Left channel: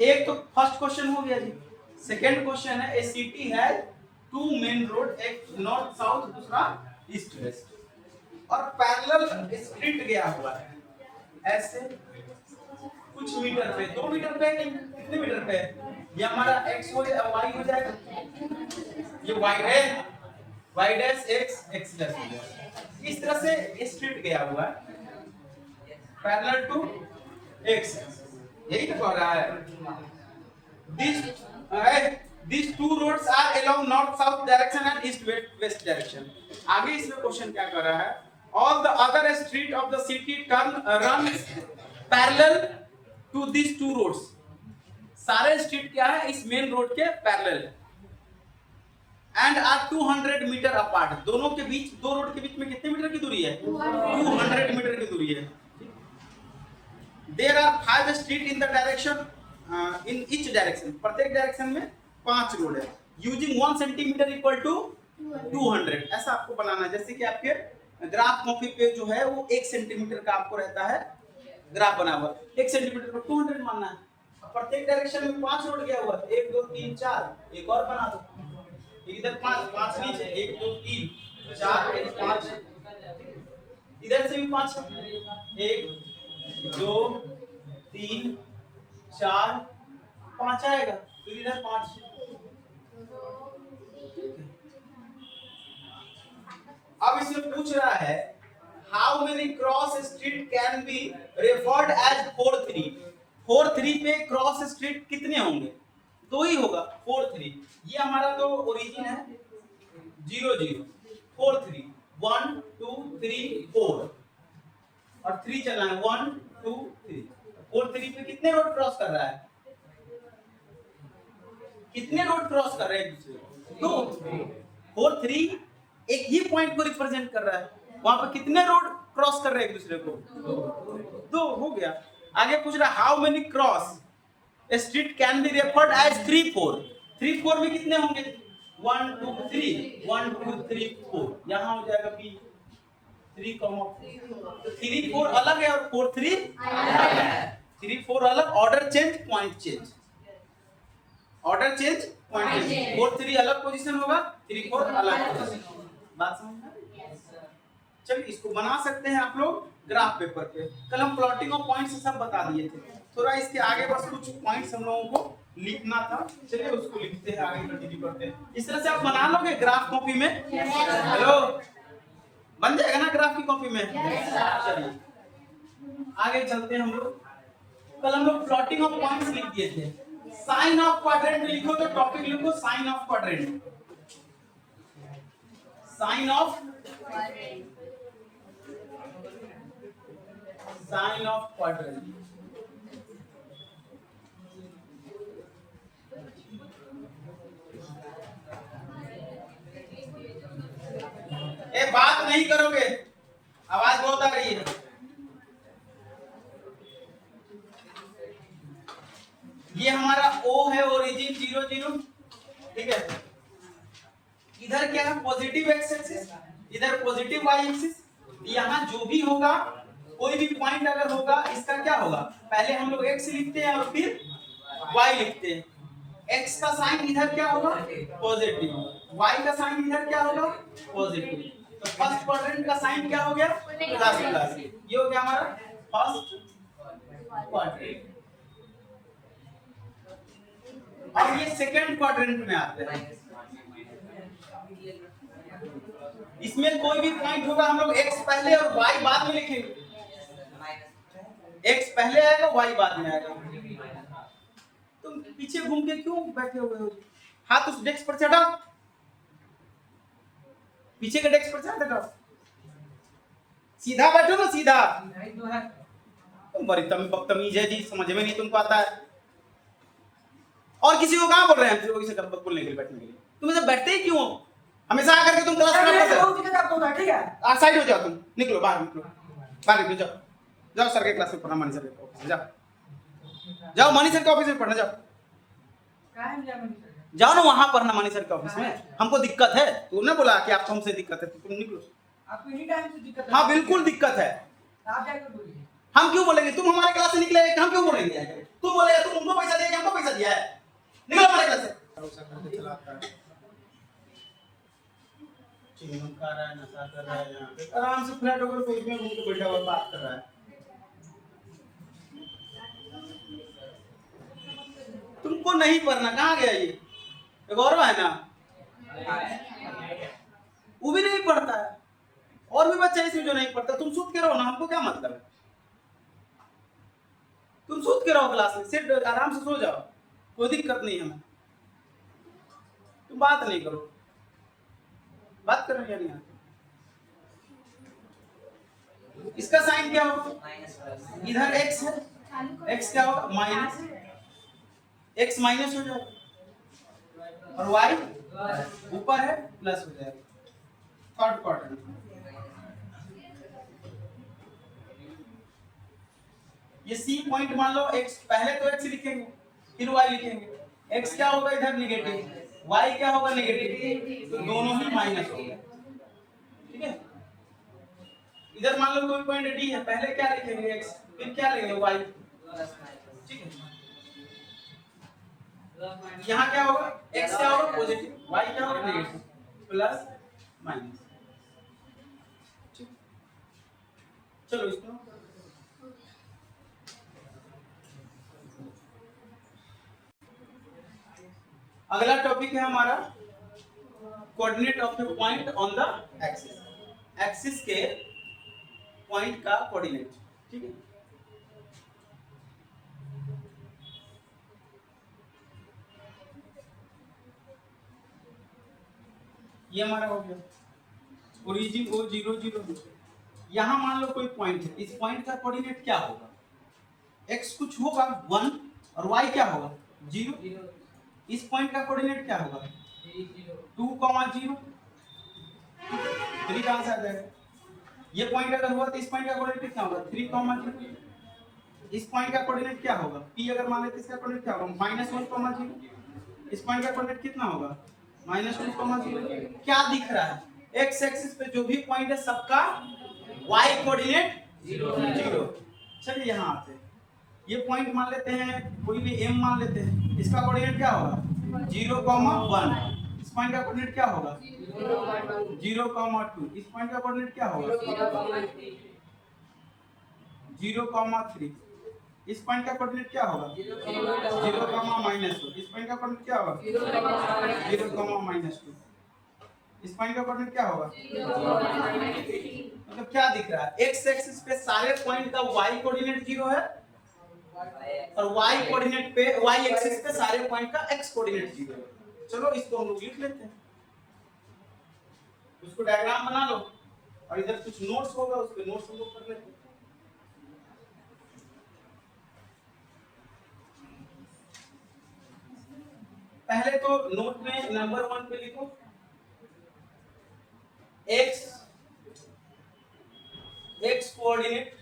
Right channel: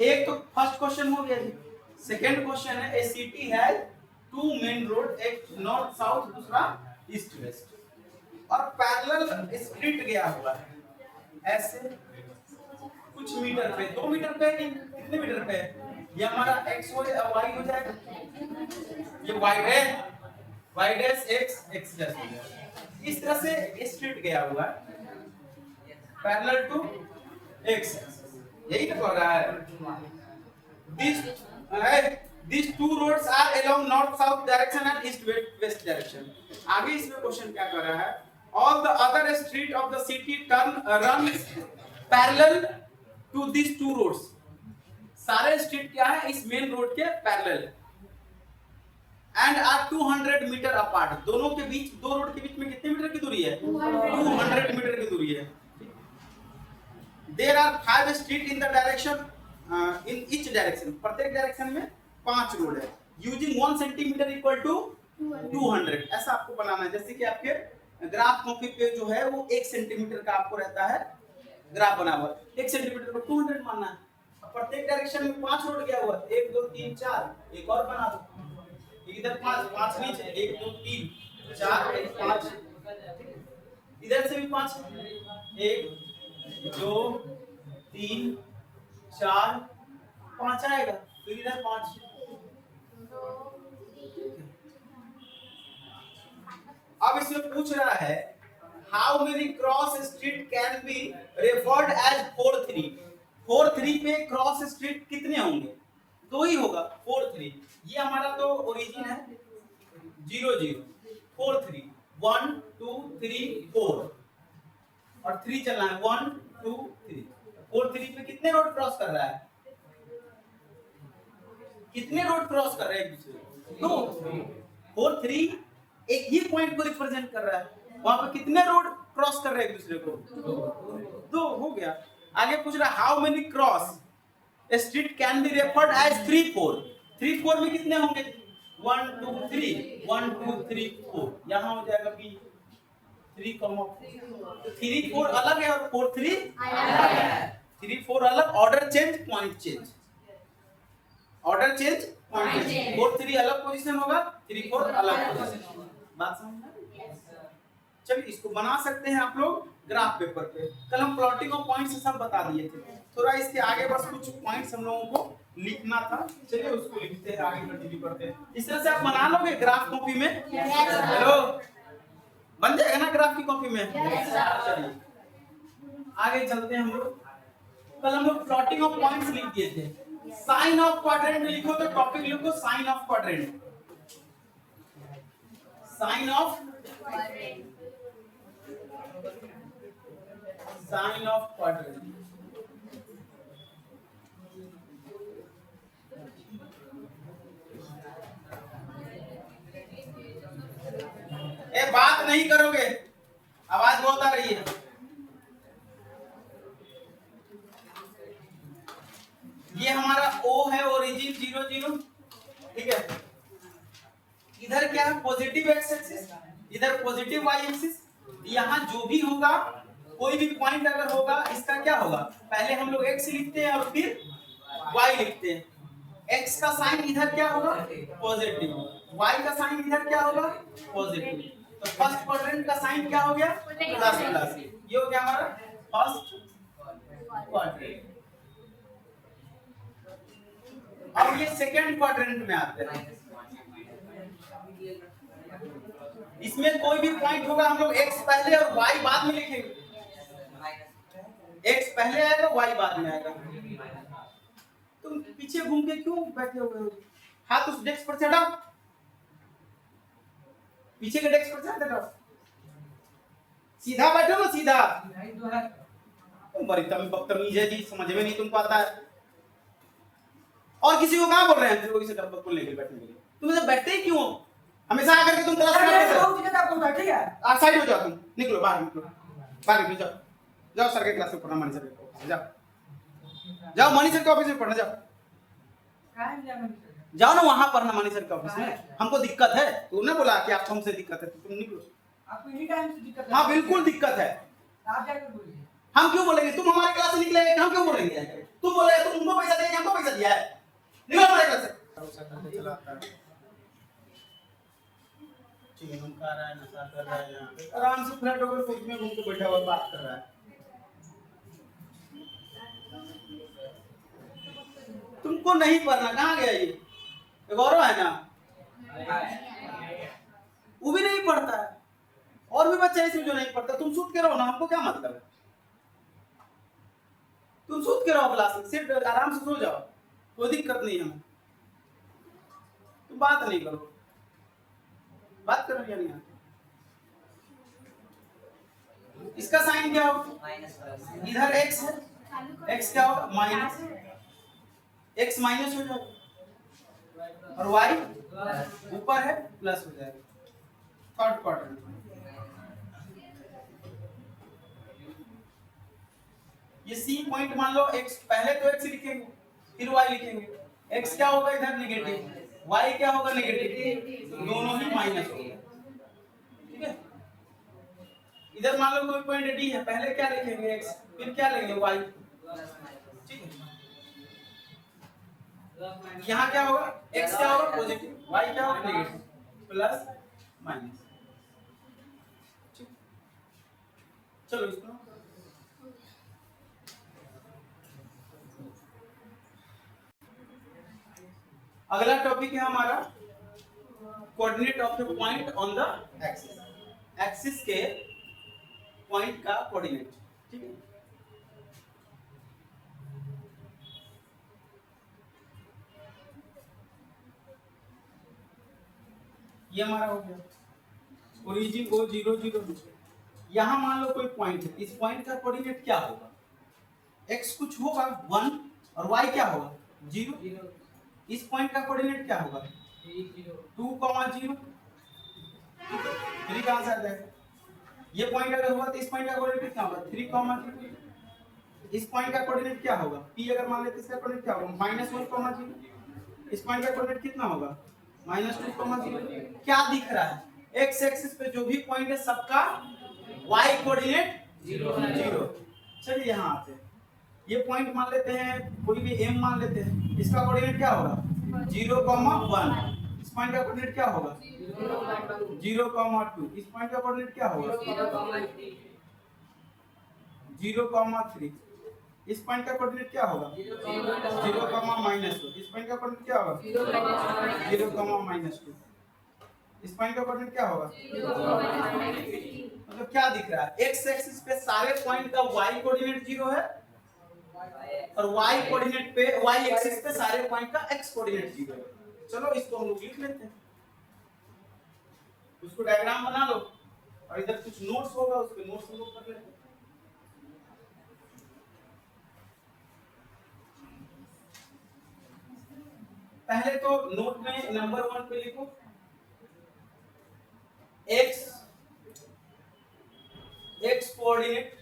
एक तो first question हो गया जी। सेकंड क्वेश्चन है, a city has two main road, एक नॉर्थ साउथ दूसरा ईस्ट वेस्ट और पैरेलल स्ट्रीट गया हुआ है ऐसे कुछ मीटर पे, 2 मीटर पे नहीं, कितने मीटर पे? ये हमारा x हो जाएगा, y हो जाएगा, ये y है, y dash x x dash हो जाएगा। इस तरह से स्ट्रीट गया हुआ है पैरेलल टू x, यही तो कह रहा है। These two roads are along north south direction and east west direction। आगे इसमें क्वेश्चन क्या कर रहा है, all the other street of the city runs parallel to these two roads। सारे स्ट्रीट क्या है, इस मेन रोड के parallel and are 200 metre apart. दोनों के बीच, दो रोड के बीच में कितने मीटर की दूरी है? 200 मीटर की दूरी है। There are 5 street in the direction in each direction। प्रत्येक डायरेक्शन में 5 रोड है। Using 1 centimetre equal to 200। ऐसा आपको बनाना है, जैसे कि आपके ग्राफ कॉपी पे जो है वो 1 सेंटीमीटर का आपको रहता है ग्राफ बना हुआ, 1 सेंटीमीटर को 200 मानना है। प्रत्येक डायरेक्शन में 5 रोड गया हुआ, 1 2 3 4, एक और बना दो, इधर 5 5 नीचे, 1 2 3 4 5, इधर से भी 5, 1 2 3 4 5 आएगा, फिर इधर 5। अब इसमें पूछ रहा है how many cross street can be referred as 4 3। 4 3 पे क्रॉस स्ट्रीट कितने होंगे? 2 ही होगा, 4 3। ये हमारा तो ओरिजिन है 0 0 4 3 1 2 3 4 और 3 चलना है 1 2 3। 4 3 पे कितने रोड क्रॉस कर रहा है? कितने रोड क्रॉस कर रहे हैं एक दूसरे? 2। 4 3 एक ही पॉइंट को रिप्रेजेंट कर रहा है, वहां पर कितने रोड क्रॉस कर रहे हैं एक दूसरे को? 2 हो गया। आगे पूछ रहा how many cross street can be referred as 3 4। 3 4 में कितने होंगे? 1 2 3 1 2 3 4, यहां हो जाएगा बी 3 3 4 अलग है और 4 3 अलग है। 3 4 अलग, order change point change, order change point change. 4 3 अलग पोजीशन होगा, 3 4 अलग पोजीशन। बात समझ में? चलिए इसको बना सकते हैं आप लोग ग्राफ पेपर पे। कल हम प्लॉटिंग ऑफ पॉइंट्स से सब बता दिए थे, थोड़ा इसके आगे बस कुछ पॉइंट्स हम लोगों को लिखना था। चलिए उसको लिखते हैं, आगे कंटिन्यू करते हैं। इस तरह से आप बना लोगे ग्राफ कॉपी में? हेलो, बन जाएगा ना ग्राफ की कॉपी में? चलिए आगे चलते हैं हम लोग। कल हम लोग प्लॉटिंग ऑफ पॉइंट्स लिख दिए थे। साइन ऑफ क्वाड्रेंट में लिखो तो टॉपिक लिखो sine of quadrant. Sine of sine of quadrant. ए बात नहीं करोगे, आवाज बहुत आ रही है। ये हमारा O है, ओरिजिन 0 0, ठीक है। इधर क्या है? पॉजिटिव एक्स एक्सिस, इधर पॉजिटिव वाई एक्सिस। यहाँ जो भी होगा, कोई भी पॉइंट अगर होगा, इसका क्या होगा? पहले हम लोग x लिखते हैं और फिर y लिखते हैं। x का साइन इधर क्या होगा? पॉजिटिव। y का साइन इधर क्या होगा? पॉजिटिव। तो फर्स्ट क्वाड्रेंट का साइन क्या हो गया? Plus plus. ये हो गया हमारा फर्स्ट क्वाड्रेंट। अब ये सेकंड क्वाड्रेंट में आते हैं। इसमें कोई भी पॉइंट होगा, हम लोग x पहले और y बाद में लिखेंगे। x पहले आएगा, y बाद में आएगा। तुम पीछे घूम के क्यों बैठे हो? हाथ उस डेस्क पर चढ़ाओ, पीछे के डेस्क पर चढ़ाओ, सीधा बैठो ना, सीधा। तुम बड़ी बदतमीज है जी, समझ में नहीं तुमको आता है। और किसी को कहाँ बोल रहे हैं कोई से कर बोलने के लिए, बैठने के लिए? तुम इधर बैठते ही क्यों? हमेशा आकर के तुम क्लास में बैठते हो। ठीक है, आ साइड हो जाओ, तुम निकलो बाहर, निकलो बाहर, निकलो, जाओ जाओ सर के क्लास में पढ़ना, मनी सर के ऑफिस जाओ, जाओ मनी सर के ऑफिस में पढ़ना, जाओ जाओ ना वहां पढ़ना मनी सर के ऑफिस में। हमको दिक्कत है, तूने बोला कि आपको हमसे दिक्कत है, तुम निकलो। आपको एनी टाइम से दिक्कत है? हाँ बिल्कुल दिक्कत है। आप क्या बोलेंगे? हम क्यों बोलेंगे? तुम हमारे क्लास से निकले, हम क्यों बोलेंगे? तुम बोले तुम उनको पैसा देंगे, हमको दिया है, निकलो हमारे घर से। भरोसा करके चलाता है, चिंगम खा रहा है, नशा कर रहा है, यहाँ पे आराम से फ्लैट होकर कोच में घूम के बैठा हुआ बात कर रहा है। तुमको नहीं पढ़ना, कहाँ गया ये गौरव है ना, वो भी नहीं पढ़ता है, और भी बच्चा इसमें जो नहीं पढ़ता। तुम सूत के रहो ना, हमको क्या मतलब है, तुम सूत के रहो क्लास में, सिर्फ आराम से सो जाओ, कोई दिक्कत नहीं है। तुम बात नहीं करो, बात करो क्या नहीं। इसका साइन क्या होगा, इधर x है, x क्या होगा माइनस, x माइनस हो जाएगा और y ऊपर है प्लस हो जाएगा। थर्ड क्वाड्रेंट ये C पॉइंट मान लो, x पहले तो x लिखेंगे फिर y लिखेंगे, x क्या होगा इधर नेगेटिव, y क्या होगा नेगेटिव, तो दोनों ही माइनस होगा, ठीक है। इधर मान लो कोई पॉइंट D है, पहले क्या लिखेंगे x, फिर क्या लेंगे y, ठीक है। यहाँ क्या होगा, x क्या होगा पॉजिटिव, y क्या होगा नेगेटिव, प्लस माइनस, चलो इसको अगला टॉपिक है हमारा coordinate of the point on the axis, axis के पॉइंट का कोऑर्डिनेट, ठीक है। ये हमारा हो गया ओरिजिन ओ 0 0। यहां मान लो कोई पॉइंट है, इस पॉइंट का कोऑर्डिनेट क्या होगा, x कुछ होगा 1 और y क्या होगा 0। इस पॉइंट का कोऑर्डिनेट क्या होगा 2, 0, 3 का आंसर आ जाएगा। ये पॉइंट अगर हुआ तो इस पॉइंट का कोऑर्डिनेट कितना होगा 3, 0। इस पॉइंट का कोऑर्डिनेट क्या होगा p अगर मान लेते इसका कोऑर्डिनेट क्या होगा -1, 0। इस पॉइंट का कोऑर्डिनेट कितना होगा -2, 0। क्या दिख रहा है, x एक्सिस पे जो भी पॉइंट है सबका y कोऑर्डिनेट 0। चलिए यहाँ आते हैं, ये पॉइंट मान लेते हैं, कोई भी m मान लेते हैं, इसका कोऑर्डिनेट क्या होगा 0, 1। इस पॉइंट का कोऑर्डिनेट क्या होगा 0, 2। इस पॉइंट का कोऑर्डिनेट क्या होगा 0, 3। इस पॉइंट का कोऑर्डिनेट क्या होगा 0, -2। इस पॉइंट का कोऑर्डिनेट क्या होगा 0, -2। इस पॉइंट का कोऑर्डिनेट क्या होगा, मतलब क्या दिख रहा है, x एक्सिस पे सारे पॉइंट का y कोऑर्डिनेट 0 है और y कोऑर्डिनेट पे y एक्सिस पे सारे पॉइंट का x कोऑर्डिनेट 0 है। चलो इसको हम लोग लिख लेते हैं, उसको डायग्राम बना लो और इधर कुछ नोट्स होगा, उसके नोट्स हम लोग कर लेते हैं। पहले तो नोट में नंबर 1 पे लिखो x coordinate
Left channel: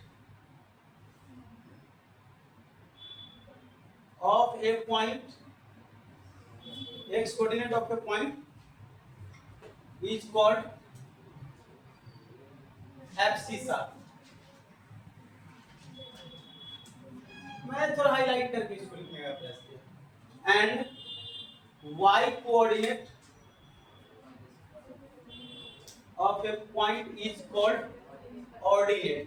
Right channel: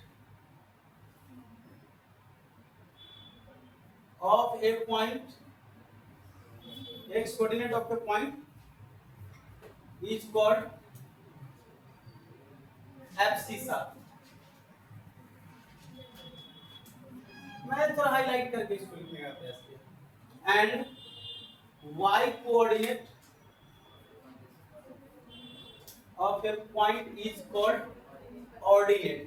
of a point, x coordinate of a point is called abscissa। मैं थोड़ा हाईलाइट करके इसको लिखने का प्रयास किया। And y coordinate of a point is called ordinate।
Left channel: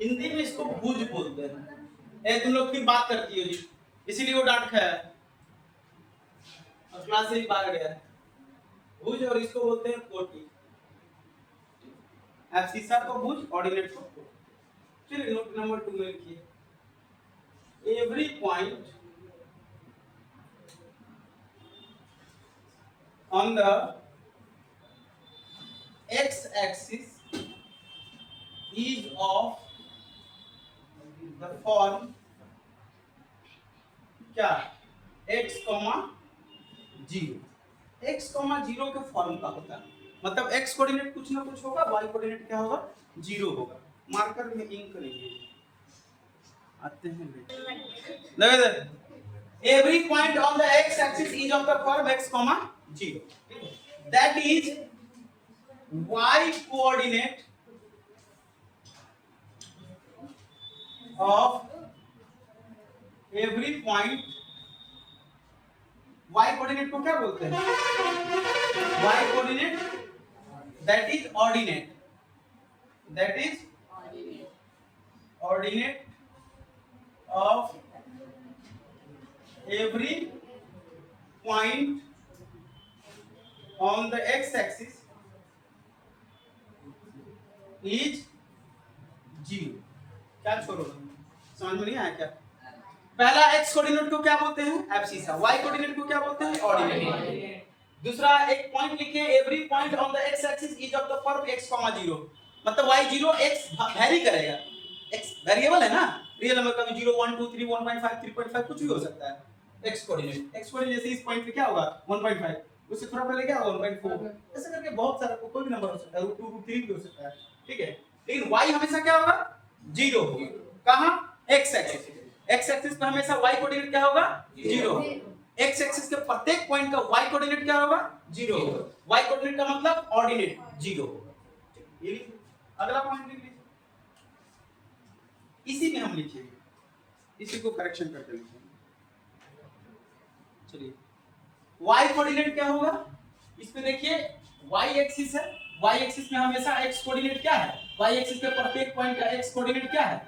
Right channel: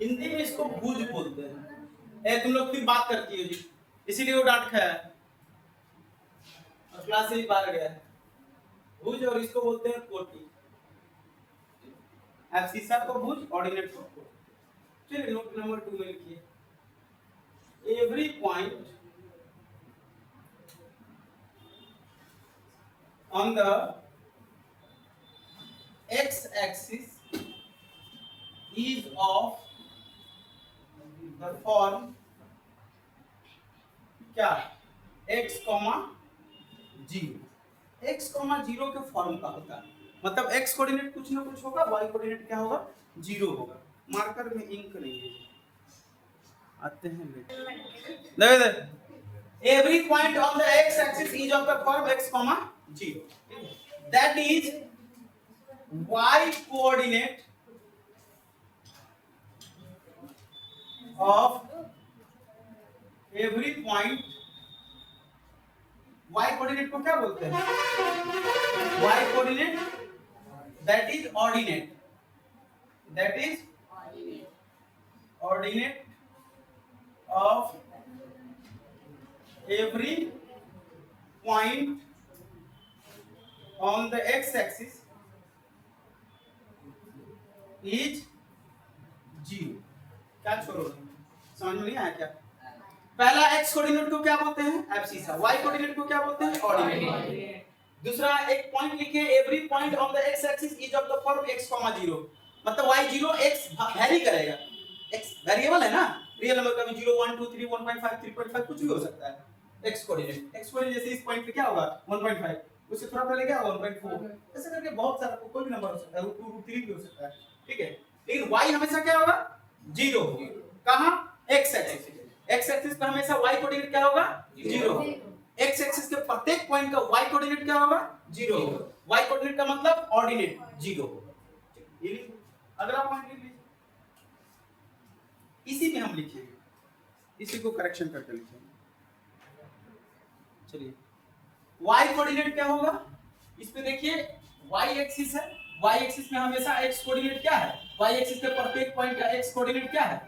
Hindi में इसको भुज बोलते हैं। तुम लोग फिर बात करती हो जी, इसीलिए वो डांट खाया है और क्लास से ही बाहर गया है। भुज और इसको बोलते हैं कोटि, एब्सिसा को भुज, ऑर्डिनेट को कोटि। चलिए नोट नंबर 2 में लिखिए, every point on the x axis is of the form क्या x, 0। x, 0 के फॉर्म का होता है, मतलब x कोऑर्डिनेट कुछ ना कुछ होगा, y कोऑर्डिनेट क्या होगा 0 होगा। मार्कर में इंक नहीं है, आते हैं देखो, every point on the x axis is of the form x, 0। That is y coordinate of every point, y coordinate को क्या बोलते हैं? y coordinate that is ordinate, that is ordinate of every point on the x axis is 0। क्या छोड़ो, समझ में नहीं आया क्या? पहला x कोऑर्डिनेट को क्या बोलते हैं? एब्सिसा। y कोऑर्डिनेट को क्या बोलते हैं? ऑर्डिनेट। दूसरा एक पॉइंट लिखिए, every point on the x axis is of the curve x, 0, मतलब y0 x वेरी करेगा, x वेरिएबल है ना, रियल नंबर का भी 0 1 2 3 1.5 3.5 कुछ भी हो सकता है। x कोऑर्डिनेट जैसे इस पॉइंट पे क्या होगा 1.5, उससे थोड़ा पहले क्या होगा 1.4, ऐसे करके बहुत सारा कोई भी नंबर हो सकता है, √2 √3 भी हो सकता है, ठीक है। लेकिन y हमेशा क्या होगा? 0 होगा। कहां? x एक्सिस पे हमेशा y कोऑर्डिनेट क्या होगा? 0 होगा। x एक्सिस के प्रत्येक पॉइंट का y कोऑर्डिनेट क्या होगा? 0 होगा। y कोऑर्डिनेट का मतलब ऑर्डिनेट 0 होगा। ये लिखिए, अगला पॉइंट लिख लीजिए, इसी में हम लिखेंगे, इसी को करेक्शन करके लिखेंगे। चलिए y कोऑर्डिनेट क्या होगा? इस पे देखिए y एक्सिस है, y एक्सिस में हमेशा x कोऑर्डिनेट क्या है? y एक्सिस के प्रत्येक पॉइंट का x कोऑर्डिनेट क्या है?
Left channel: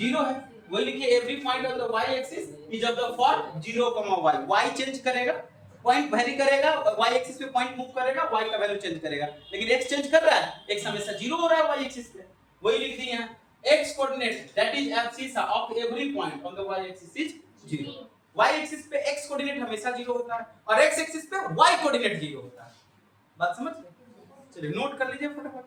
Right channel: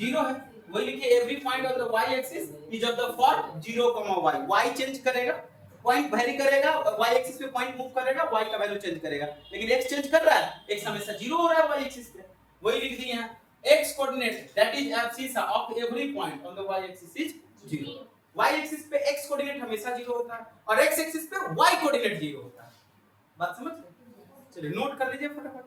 0 है। वही लिखिए, every point of the y axis is of the for 0, y। y change करेगा, पॉइंट वेरी करेगा, y एक्सिस पे पॉइंट मूव करेगा, y का वैल्यू चेंज करेगा, लेकिन x चेंज कर रहा है, x हमेशा 0 हो रहा है y एक्सिस पे। वही लिख दिए यहां, x coordinate that is abscissa of every point on the y axis is 0। y axis पे x कोऑर्डिनेट हमेशा 0 होता है और x एक्सिस पे y कोऑर्डिनेट 0 होता है। बात समझ? चलिए नोट कर लीजिए फटाफट।